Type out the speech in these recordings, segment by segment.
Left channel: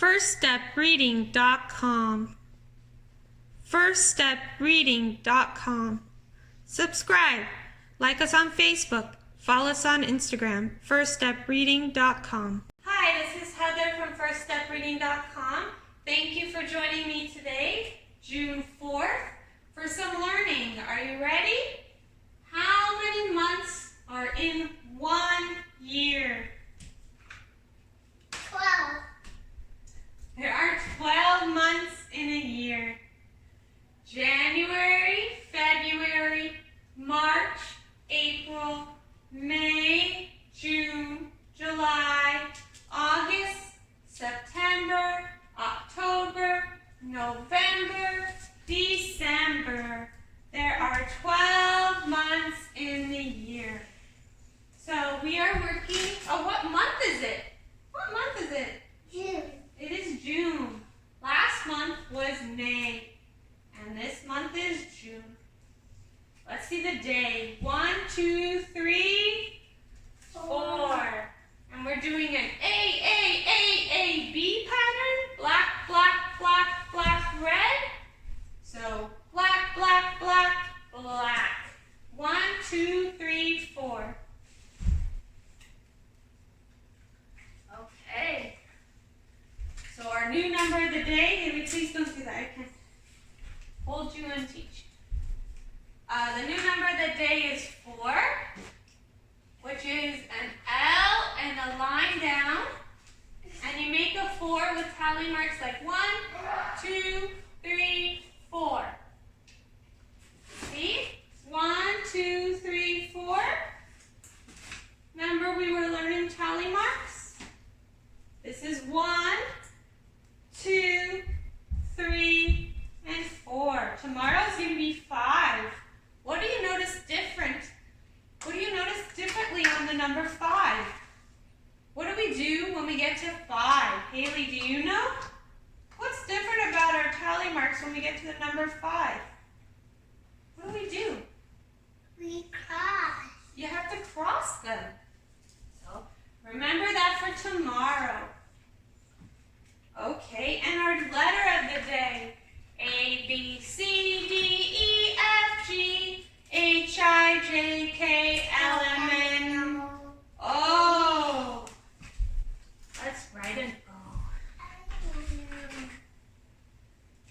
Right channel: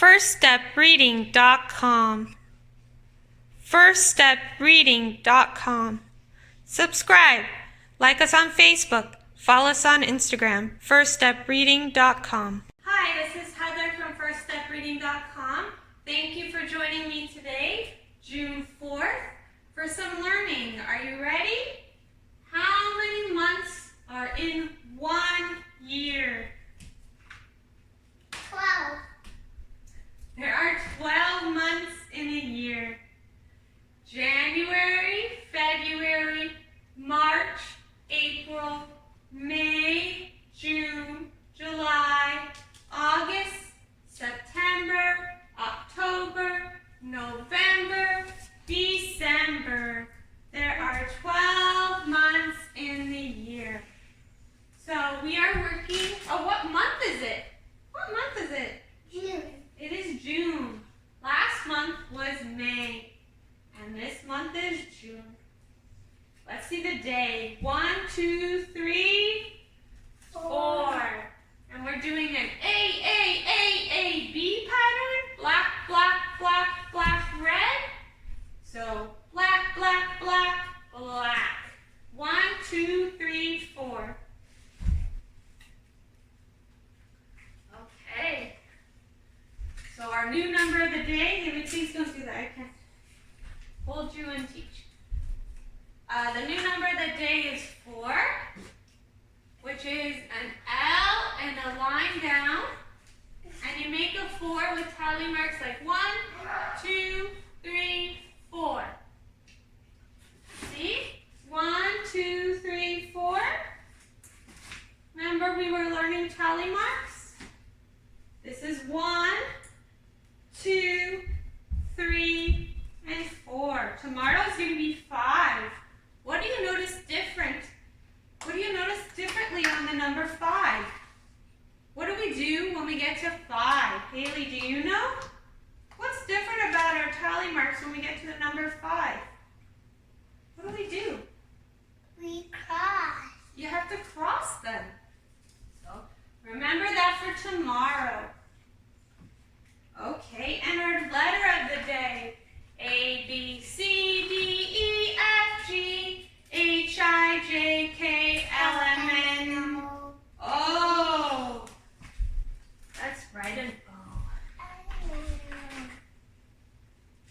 firststepreading.com. firststepreading.com. Subscribe, like us on Facebook, follow us on Instagram, firststepreading.com. Hi, this is Heather from firststepreading.com. Thank you for joining me today, June 4th, for some learning. Are you ready? How many months are in 1 year? 12. There are 12 months in a year. January, February, March, April, May, June, July, August, September, October, November, December. There are 12 months in the year. So we are working, what month is it? What month is it? June. It is June. Last month was May, and this month is June. Let's see the day. 1, 2, 3, 4. And we're doing an A, B pattern. Black, black, black, black, red. So black, black, black, black. 1, 2, 3, 4. Okay. So our new number of the day, Haley, please don't do that. I can't hold you and teach. The new number of the day is 4, which is an L and a line down. And you make a 4 with tally marks like 1, 2, 3, 4. See? 1, 2, 3, 4. Remember we were learning tally marks? This is 1, 2, 3, and 4. Tomorrow is going to be 5. What do you notice different? What do you notice differently on the number 5? What do we do when we get to 5? Haley, do you know? What's different about our tally marks when we get to the number 5? What do we do? We cross. You have to cross them. So remember that for tomorrow. Okay, and our letter of the day. A, B, C, D, E, F, G, H, I, J, K, L, M, N, O. Let's write an O.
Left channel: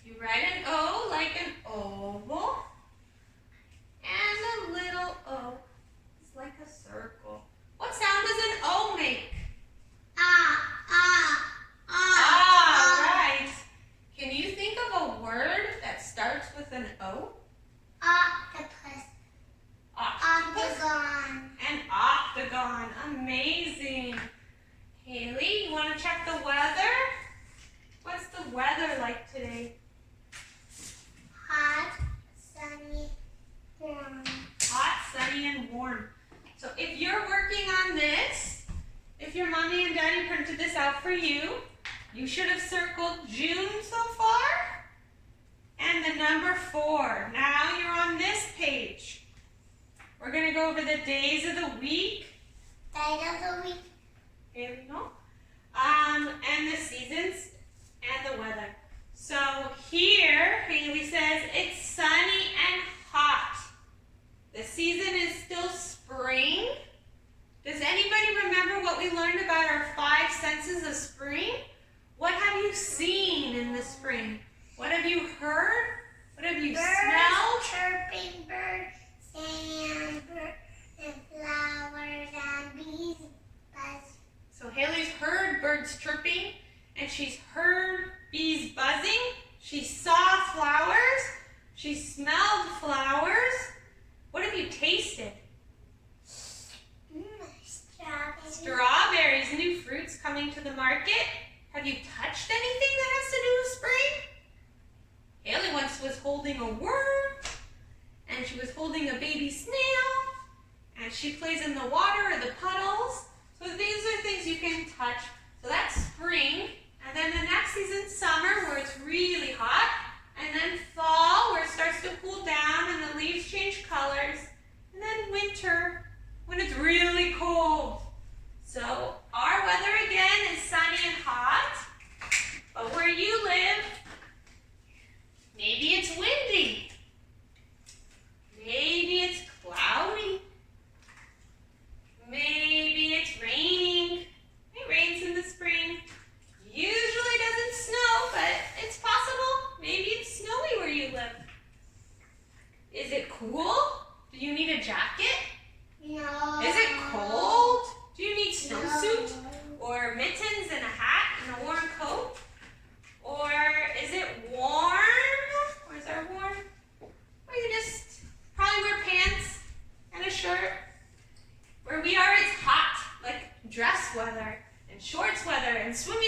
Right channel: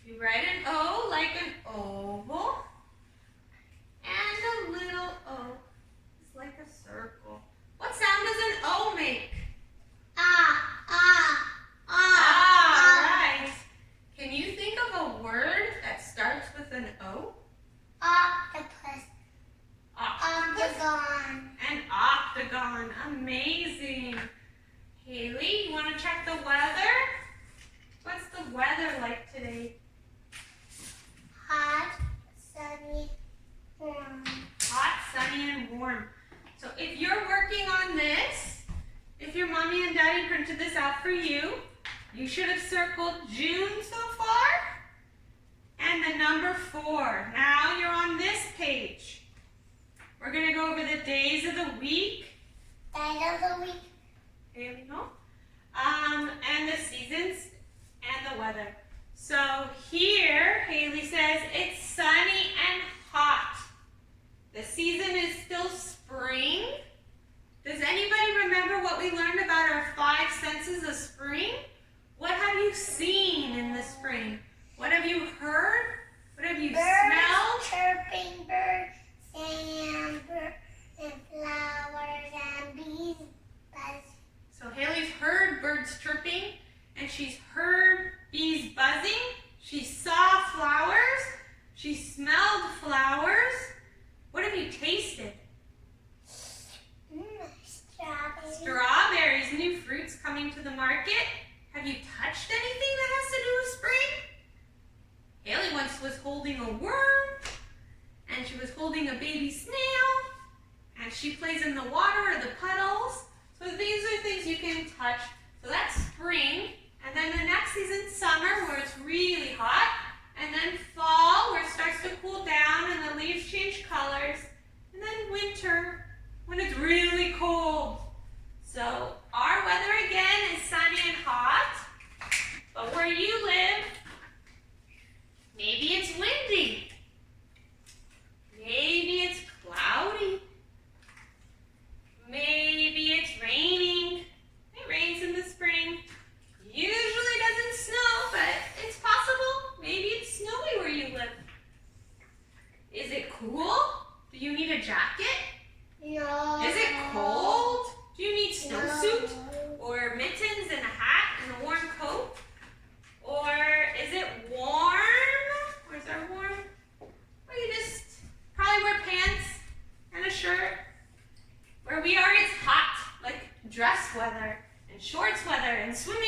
You write an O like an oval. And a little O is like a circle. What sound does an O make? Right. Can you think of a word that starts with an O? Octopus. Octopus. Octagon. An octagon. Amazing. Haley, you want to check the weather? What's the weather like today? Hot, sunny, warm. Hot, sunny, and warm. So if you're working on this, if your mommy and daddy printed this out for you, you should have circled June so far and the number 4. Now you're on this page. We're going to go over the days of the week. Day of the week. Here we go. And the seasons and the weather. So here, Haley says it's sunny and hot. The season is still spring. Does anybody remember what we learned about our 5 senses of spring? What have you seen in the spring? What have you heard? What have you smelled? Chirping birds, and flowers and bees buzz. So Haley's heard birds chirping, and she's heard bees buzzing. She saw flowers. She smelled flowers. What have you tasted? Strawberries. Strawberries, new fruits coming to the market. Have you touched anything that has to do with spring? Haley once was holding a worm, and she was holding a baby snail, and she plays in the water or the puddles. So these are things you can touch. So that's spring, and then the next season, summer, where it's really hot, and then fall, where it starts to cool down and the leaves change colors, and then winter, when it's really cold. So our weather again is sunny and hot.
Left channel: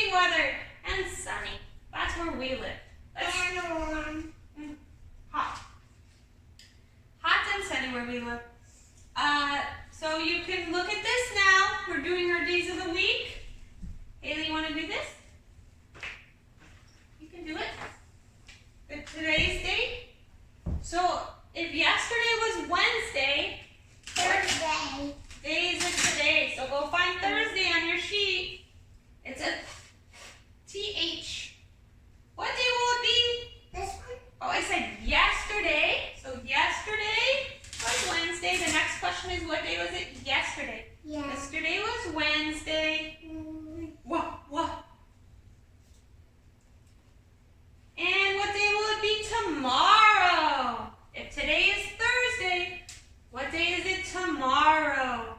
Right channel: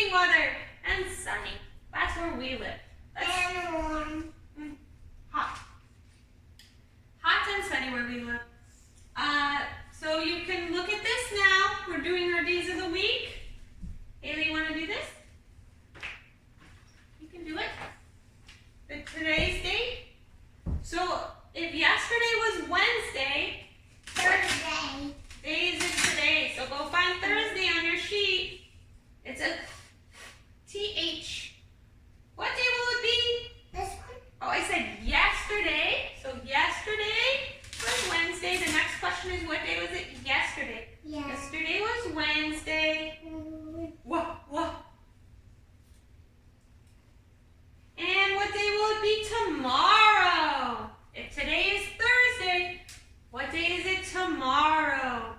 amazing weather and sunny. That's where we live. And warm. Hot. Hot and sunny where we live. So you can look at this now. We're doing our days of the week. Haley, you want to do this? You can do it. But today's date. So if yesterday was Wednesday, Thursday. days of today. So go find Thursday on your sheet. It's a TH. What day will it be? This one? Oh, I said yesterday. So yesterday was Wednesday. The next question is, what day was it yesterday? Yeah. Yesterday was Wednesday. Whoa, whoa. And what day will it be tomorrow? If today is Thursday, what day is it tomorrow?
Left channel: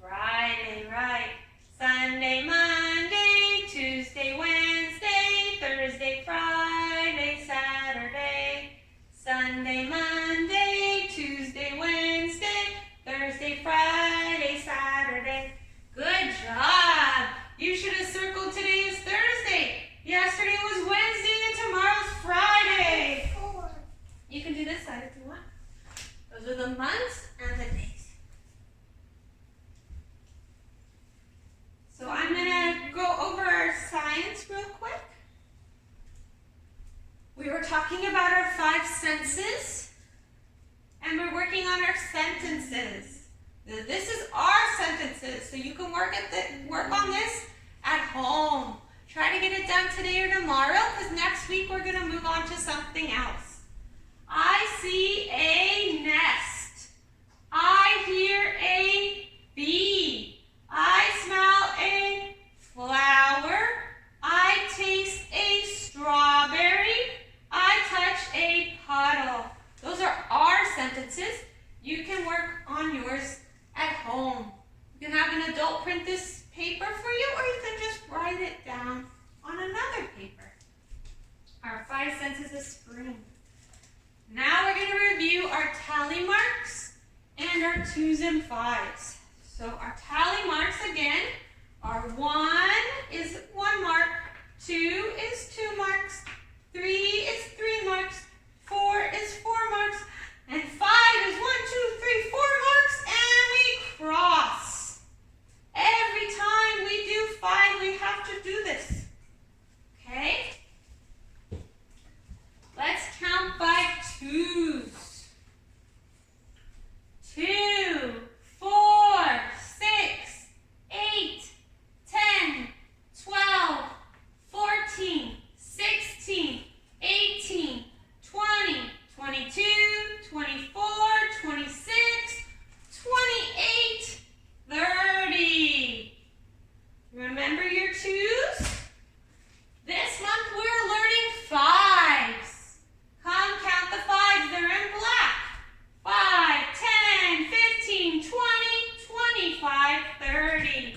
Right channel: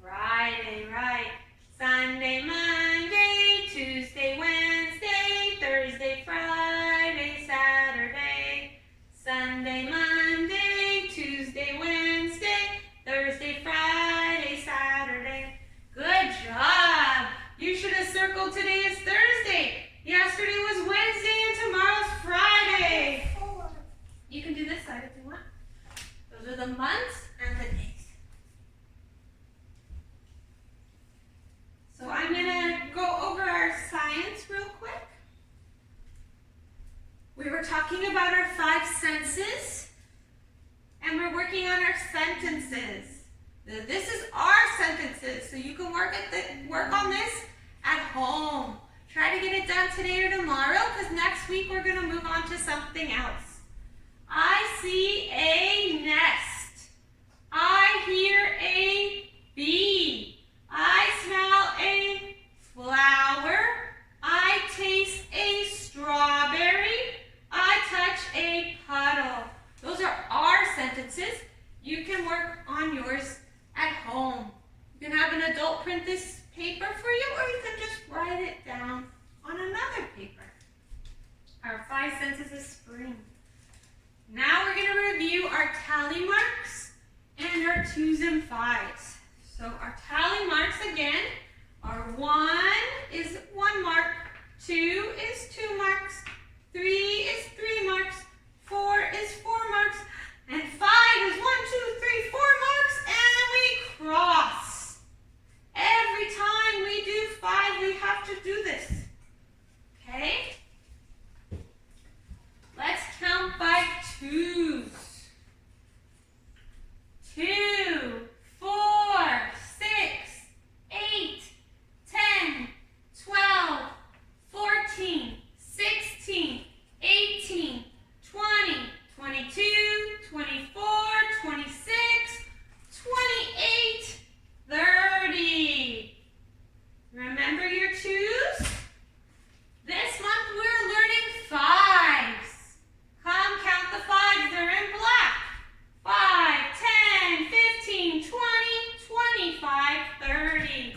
Friday, right. Sunday, Monday, Tuesday, Wednesday, Thursday, Friday, Saturday. Sunday, Monday, Tuesday, Wednesday, Thursday, Friday, Saturday. Good job. You should have circled today is Thursday. Yesterday was Wednesday and tomorrow's Friday. 4. You can do this side if you want. Those are the months and the days. So I'm going to go over our science real quick. We were talking about our 5 senses, and we're working on our sentences. This is our sentences, so you can work on this at home. Try to get it done today or tomorrow, because next week we're going to move on to something else. I see a nest. I hear a bee. I smell a flower. I taste a strawberry. I touch a puddle. Those are our sentences. You can work on yours at home. You can have an adult print this paper for you, or you can just write it down on another paper. Our 5 senses of spring. Now we're going to review our tally marks and our 2s and 5s. So our tally marks again are 1 is 1 mark, 2 is 2 marks, 3 is 3 marks, 4 is 4 marks, and 5 is 1, 2, 3, 4 marks, and we cross. Every time we do 5, we have to do this. Okay? Let's count by 2s. 2, 4, 6, 8, 10, 12, 14, 16, 18, 20, 22, 24, 26, 28, 30. Remember your 2s? This month we're learning 5s. Come count the 5s, they're in black. 5, 10, 15, 20, 25, 30.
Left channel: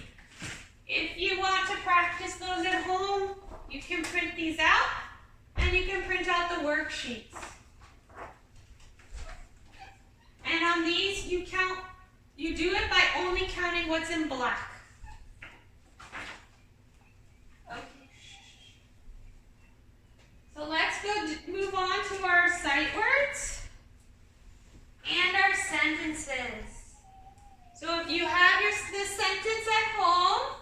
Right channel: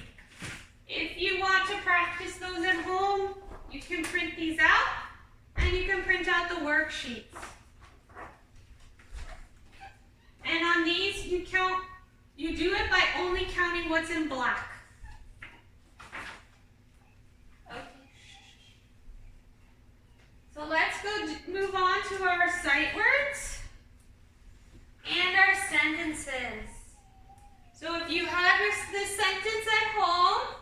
If you want to practice those at home, you can print these out, and you can print out the worksheets. And on these, you do it by only counting what's in black. Okay. So let's move on to our sight words and our sentences. So if you have this sentence at home,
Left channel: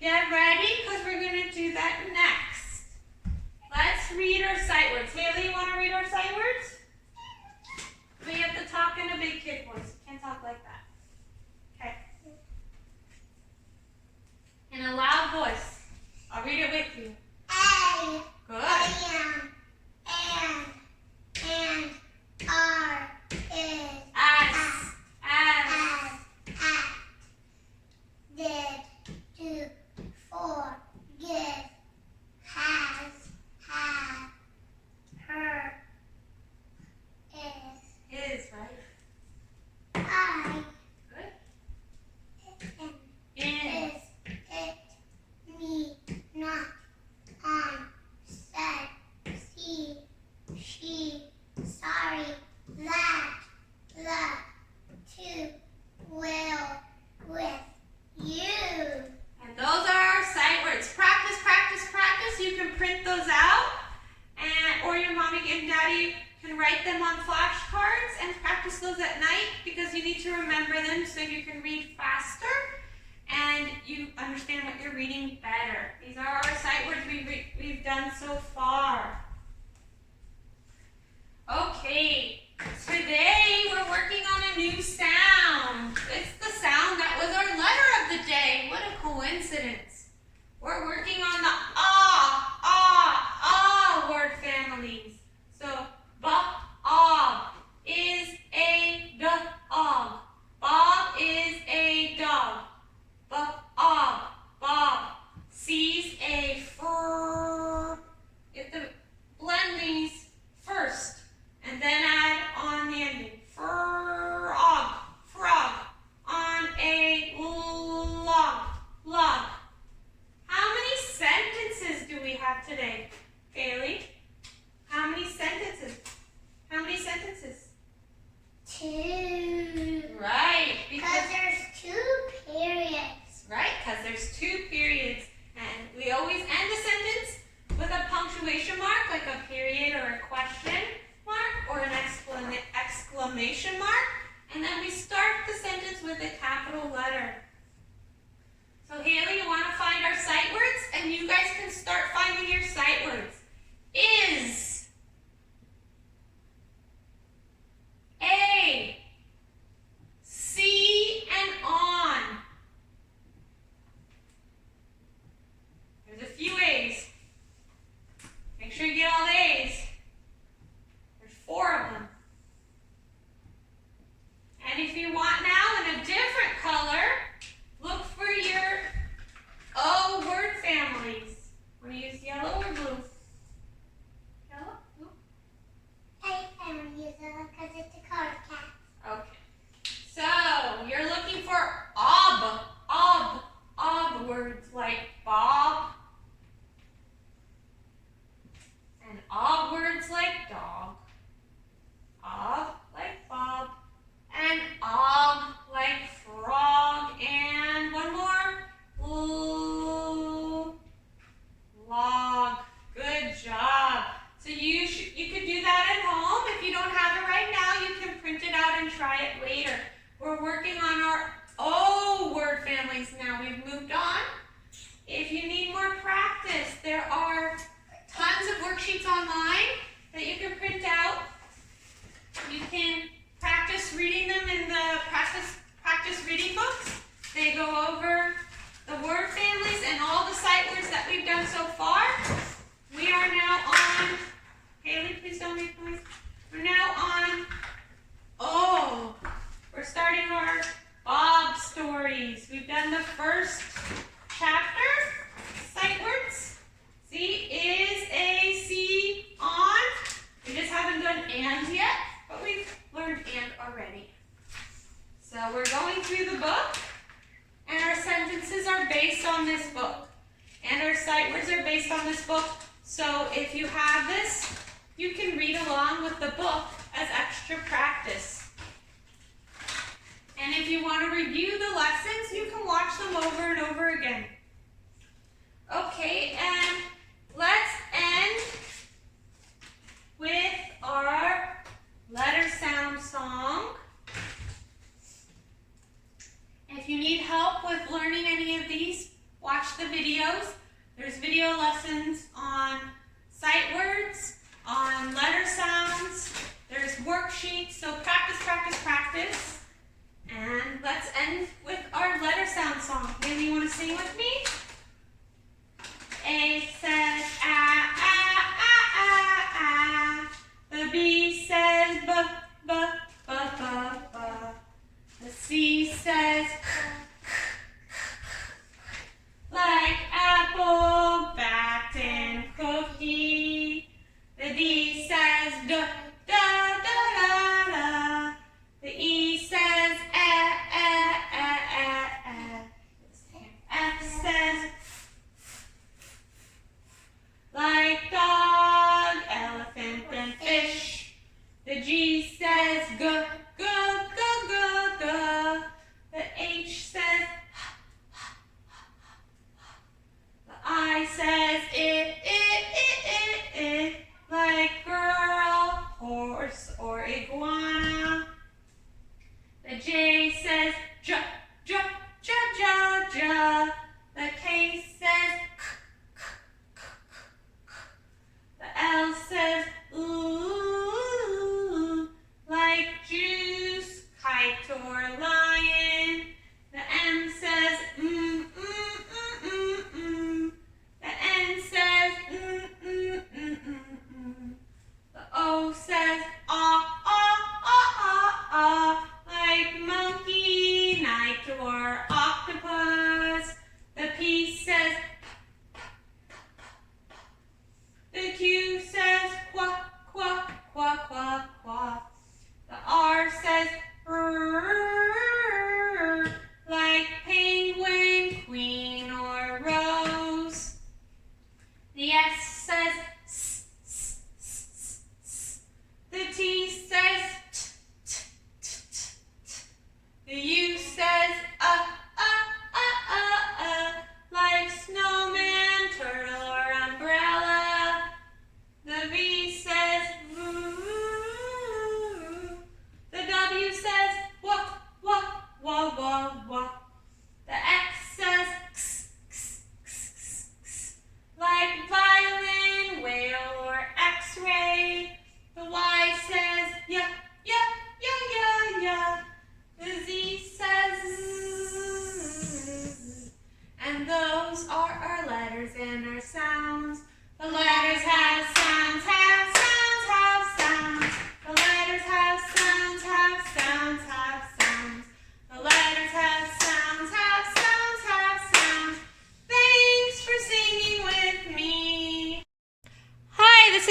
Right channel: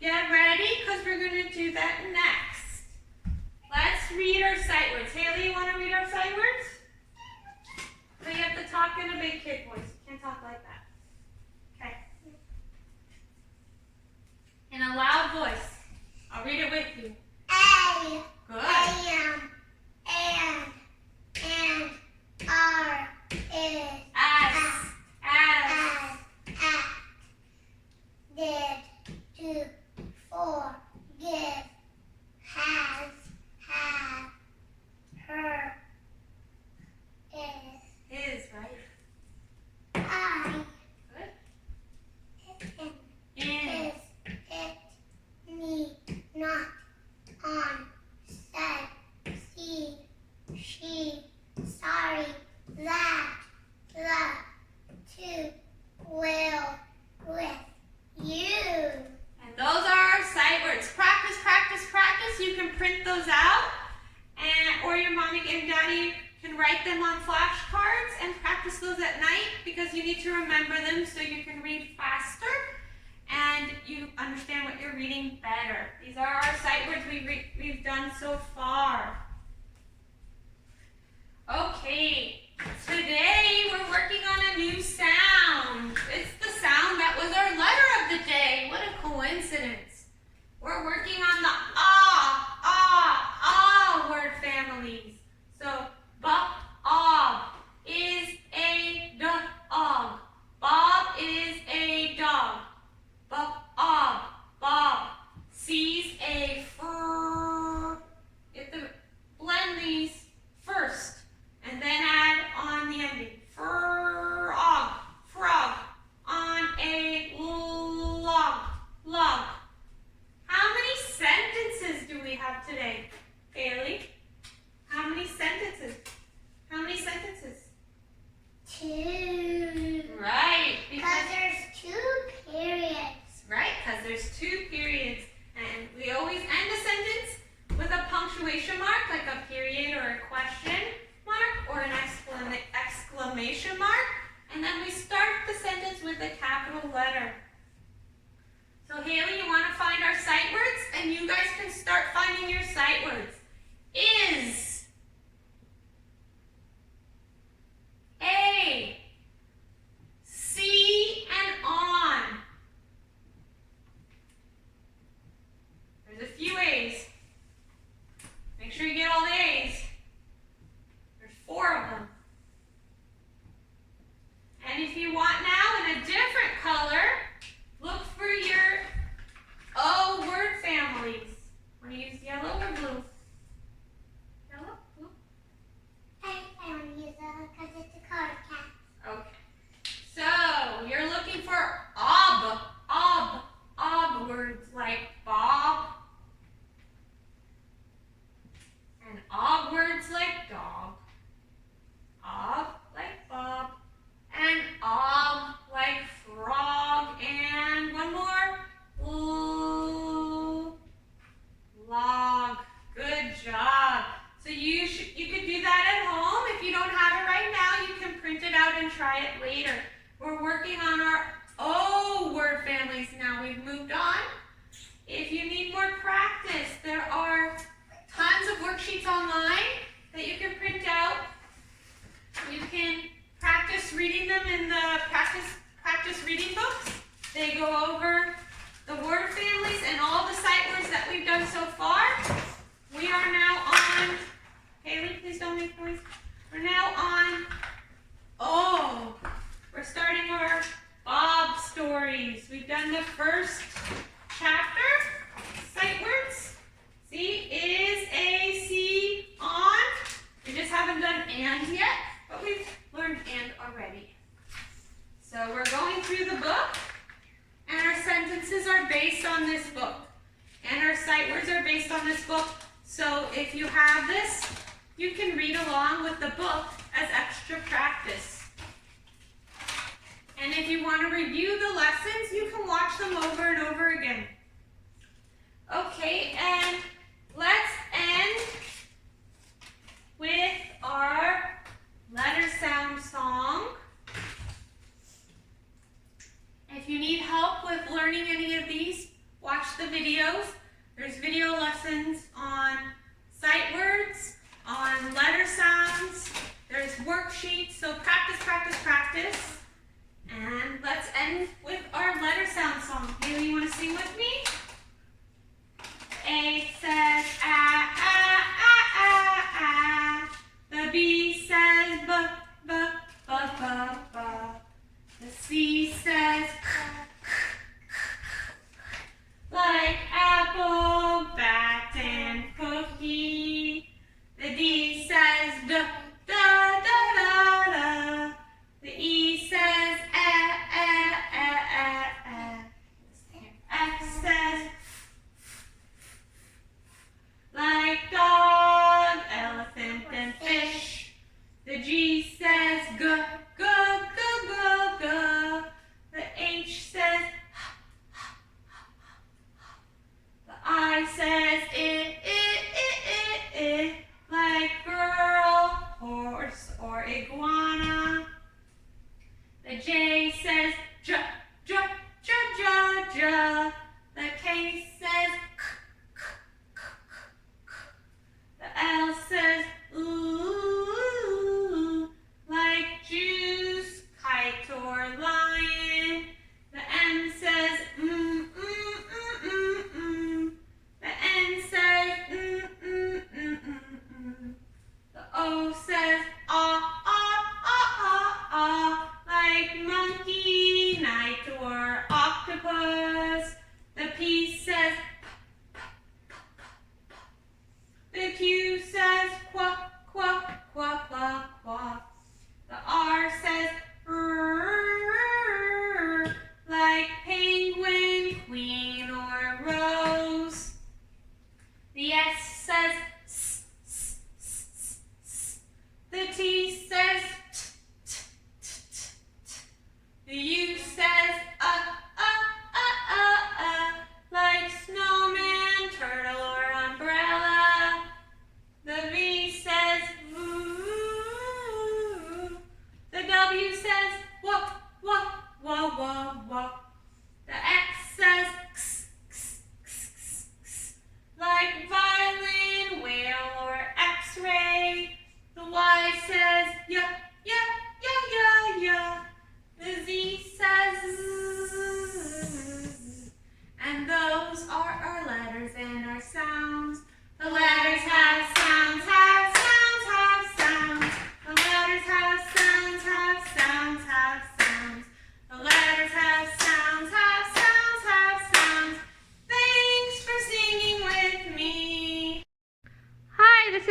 get ready, because we're going to do that next. Let's read our sight words. Haley, you want to read our sight words? So you have to talk in a big kid voice. You can't talk like that. Okay. In a loud voice. I'll read it with you. A. Good. And, are, is, As. at, did, do, for, give, has, have, her, is, Is, right? I, so far. Okay, today we're working on a new sound. It's the sound that was our letter of the day. What a coincidence. We're working on the word families. So, Bob is a dog. Bob is a dog. Bob sees a fur. You have to blend these first and then add on the ending. Frog on a log. How many sentences do we have today, Bailey? How many sentences? Two. Right. Because there's two periods. Right, because there's two periods. And we always end a sentence with a punctuation mark, like a period or a question mark or an exclamation mark. And then we start the sentence with a capital letter. So Haley, you want to find our sight words? And you guys can start finding your sight words. Is. A. See and on. There's a few A's. Make sure you get all the A's. There's 4 of them. And if you want now in a different color, look for your O word families. Want to use yellow or blue? Yellow? Blue? I want to use it because it's a card cat. Okay. So, you're looking for ob words like Bob. And ob words like dog. Ob like Bob. And ob like frog. And one more. Log. Good job. So you could do that at home. If you don't have it right now, you can print it out and try it later. We're working on our O word families now. We've moved on. If you need more practice, there are tons of worksheets online that you can print out. You can practice reading them in the practice reading books. They go over the word families and all the sight words that we've done so far. We are now on, Haley, please don't make noise. We're now on O. We're starting our Bob stories. We've done the first chapter, sight words. See, is, a, see, on. We just haven't done and yet, but we've learned and already. So we're going through the book, and our sentences are based on this book. And our sight words are based on this book. So if you have this, you can read along with the book as extra practice. And if you want to review the lessons, you can watch them over and over again. Okay, and let's end with our letter sound song. If you need help with learning any of these, watch the videos. There's video lessons on sight words, on letter sounds. There's worksheets, so practice, practice, practice. And let's end with our letter sound song. Haley, you want to sing with me? A says ah, ah, ah, ah, ah. The B says b, b, b, b, b. The C says like apple, bat, and cookie. The D says da, da, da, da, da. The E says eh, eh, eh,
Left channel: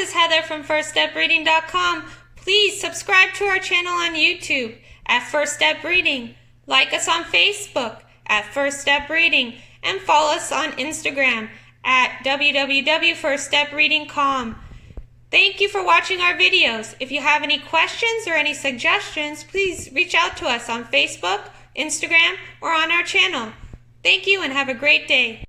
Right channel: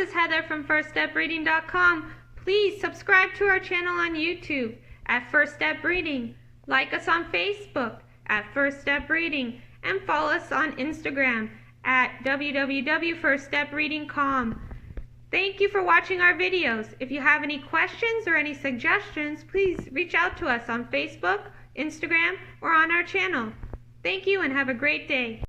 is Heather from FirstStepReading.com. Please subscribe to our channel on YouTube at First Step Reading. Like us on Facebook at First Step Reading. And follow us on Instagram at www.firststepreading.com. Thank you for watching our videos. If you have any questions or any suggestions, please reach out to us on Facebook, Instagram, or on our channel. Thank you and have a great day.